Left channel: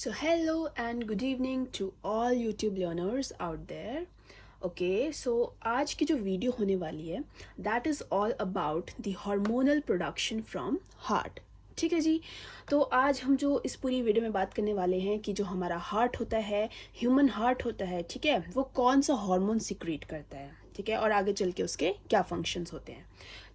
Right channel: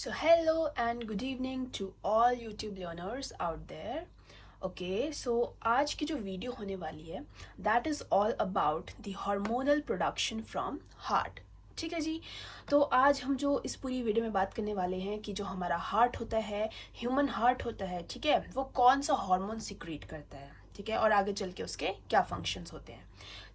So hello and good evening to all YouTube learners out there. Okay so आज की जो video होने वाली है that is all about the hormonal production from heart. ठीक है जी. तो आज हम जो इस पूरी वीडियो में बात करने वाले हैं कि जो हमारा हार्ट होता है, ह्यूमन हार्ट होता है, ठीक है, वो कौन सा हार्मोन सिक्रीट करता है, ठीक है, और आगे चल के उसके क्या फंक्शंस होते हैं.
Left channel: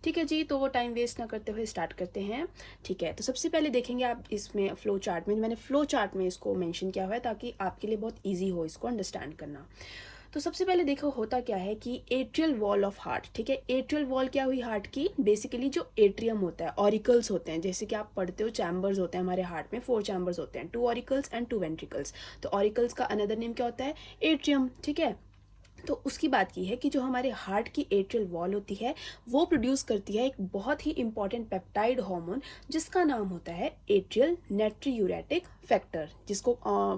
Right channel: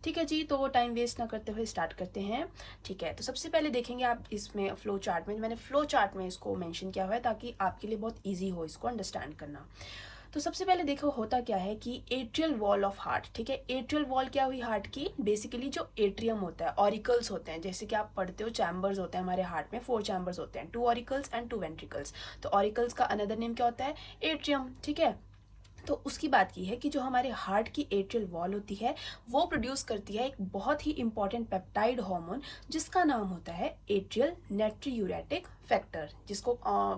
ठीक है जी. तो टाइम वेस्ट ना करते हुए स्टार्ट करते हैं. ठीक है. तो सबसे पहले देखेंगे आप इसमें फ्लो चार्ट में, मैंने फ्लो चार्ट में इसको मेंशन किया हुआ है ताकि आपके लिए बहुत ईजी हो इसको अंडरस्टैंड करना. तो सबसे पहले देखो होता क्या है कि एट्रियल वॉल ऑफ हार्ट, ठीक है, एट्रियल वॉल क्या हुई हार्ट की, बेसिकली जो एट्रियम होता है, ऑरिकल्स होते हैं, जैसे कि आप पढ़ते हो चैम्बर्स होते हैं हमारे हार्ट में, 4 चैम्बर्स होते हैं, 2 ऑरिकल्स एंड 2 वेंट्रिकल्स. तो ऑरिकल्स का अनदर नेम क्या होता है, एट्रियम. ठीक है. तो उसकी बात की है कि जो हमारे हार्ट की एट्रियल वॉल होती है वो प्रोड्यूस करती है एक बहुत ही इंपॉर्टेंट पेप्टाइड हार्मोन जिसका नाम होता है एट्रियल नाइट्रोयूरेटिक फैक्टर, जिसको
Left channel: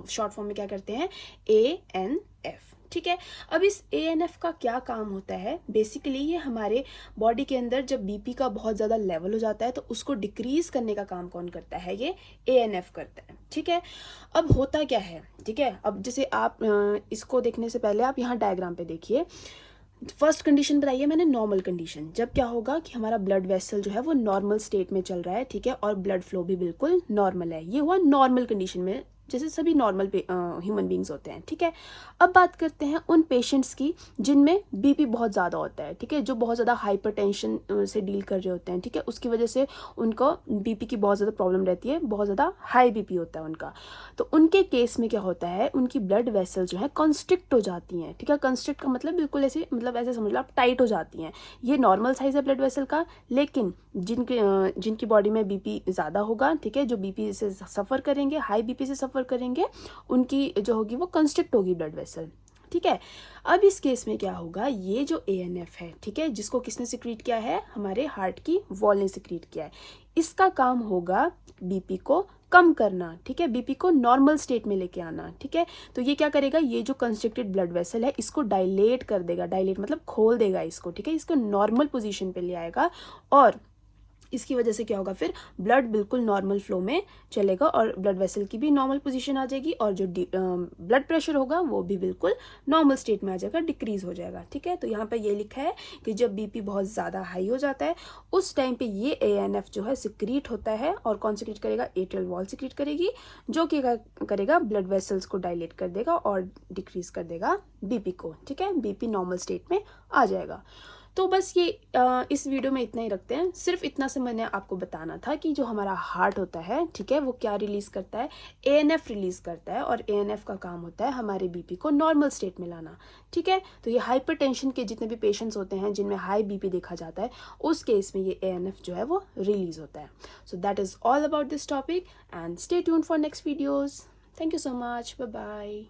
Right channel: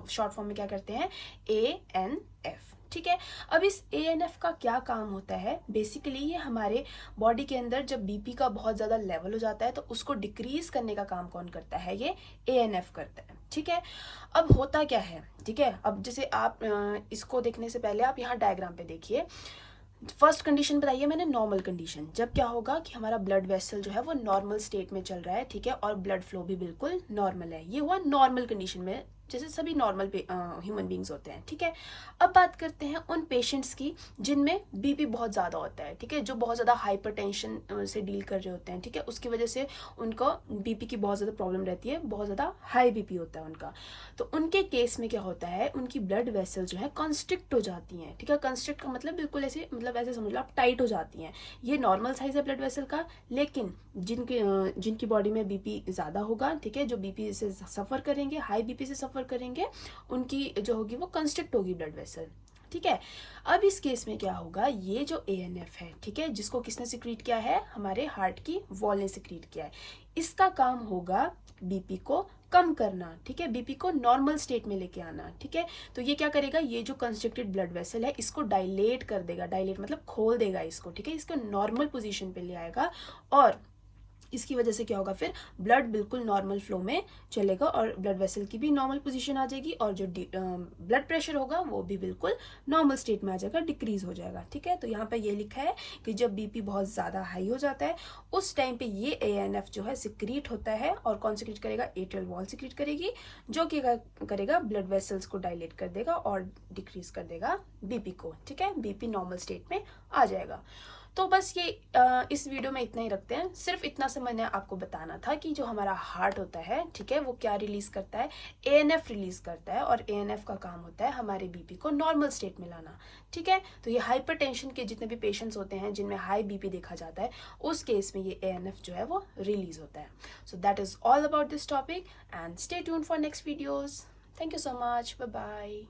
शॉर्ट फॉर्म में क्या करते हैं, ANF. ठीक है. अब इस ANF का क्या काम होता है, बेसिकली ये हमारे बॉडी के अंदर जब बीपी का बहुत ज़्यादा लेवल हो जाता है तो उसको डिक्रीज करने का काम कौन करता है, ये ANF करता है. ठीक है. अब होता क्या है, ठीक है, अब जैसे आप इसको देखने से पहले आप यहाँ डायग्राम पे देखिए. फर्स्ट कंडीशन बताइए मैंने, नॉर्मल कंडीशन. जब क्या होगा कि हमारा ब्लड वेसल जो है वो नॉर्मल स्टेट में चल रहा है, ठीक है, और ब्लड फ्लो भी बिल्कुल नॉर्मल है. ये हुआ नॉर्मल कंडीशन में, जैसे सभी नॉर्मल ह्यूमन बींग्स होते हैं. ठीक है. अब बात करते हैं उन पेशेंट्स की जिनमें बीपी बहुत ज़्यादा होता है, ठीक है, जो बहुत ज़्यादा हाइपरटेंशन से डील कर रहे होते हैं. ठीक है. उसकी वजह से उनको बीपी की बहुत ज़्यादा प्रॉब्लम रहती है, बहुत ज़्यादा हाई बीपी होता है उनका. तो उनके केस में क्या होता है, उनकी ब्लड वेसल जो है कंस्ट्रिक्ट हो जाती हैं. ठीक है. कंस्ट्रिक्ट का मतलब बिल्कुल ऐसे, मतलब ऐसे समझ लो आप, टाइट हो जाती हैं. ये नॉर्मल साइज है ब्लड वेसल का, लेकिन जिनकी बॉडी में बीपी ज़्यादा होगा, ठीक है, जो बीपी से सफ़र करेंगे, हाई बीपी से सफ़र करेंगे, उनकी जो होगी वो कंस्ट्रिक्ट होगी ब्लड वेसल. ठीक है. अब इस केस में क्या होगा, ये जो ANF है, ठीक है, जिसको किसने सिक्रीट किया है, हमारे हार्ट की वॉल ने सिक्रीट किया है, इसका काम होगा बीपी को कम करना. ठीक है. बीपी को नॉर्मल स्टेट में लेके आना. ठीक है. तो ये क्या करेगा, ये जो कंस्ट्रिक्टेड ब्लड वेसल है इसको डायलेट कर देगा. डायलेट मतलब खोल देगा इसको. ठीक है. इसको नॉर्मल पोजीशन पे ले आएगा और इसकी वजह से क्या होगा, फिर ब्लड बिल्कुल नॉर्मल फ्लो में चलेगा और ब्लड वेसल की भी नॉर्मल पोजीशन आ जाएगी और जो ब्लड प्रेशर होगा वो भी बिल्कुल नॉर्मल स्टेट में आ जाएगा, डिक्रीज हो जाएगा. ठीक है. तो यहाँ पे ये लिखा है कि जब बीपी बहुत ज़्यादा हाई हो जाता है उस टाइम पे ये ANF जो है सिक्रीट होता है. और कौन सिक्रीट करेगा, एट्रियल वॉल सिक्रीट करेगी, जो कि करेगा ब्लड वेसल्स को डायलेट कर देगा और डिक्रीज कर देगा बीपी को. ठीक है. बीपी नॉर्मल स्टेट में आ जाएगा. तो बस ये इस वीडियो में इतना ही रखते हैं. सिर्फ इतना से मैंने आपको बताना था कि जो हमारा हार्ट होता है, ठीक है, वो क्या रिलीज करता है, ANF रिलीज करता है. और ANF का काम होता है हमारे बीपी को नॉर्मल स्टेट में लाना. ठीक है. तो ये हाइपरटेंशन के जितने भी पेशेंट्स होते हैं जिनमें हाई बीपी देखा जाता है, उस केस में ये ANF जो है वो रिलीज होता है. So that is all about this topic and stay tuned for next videos. Thank you so much. Bye bye.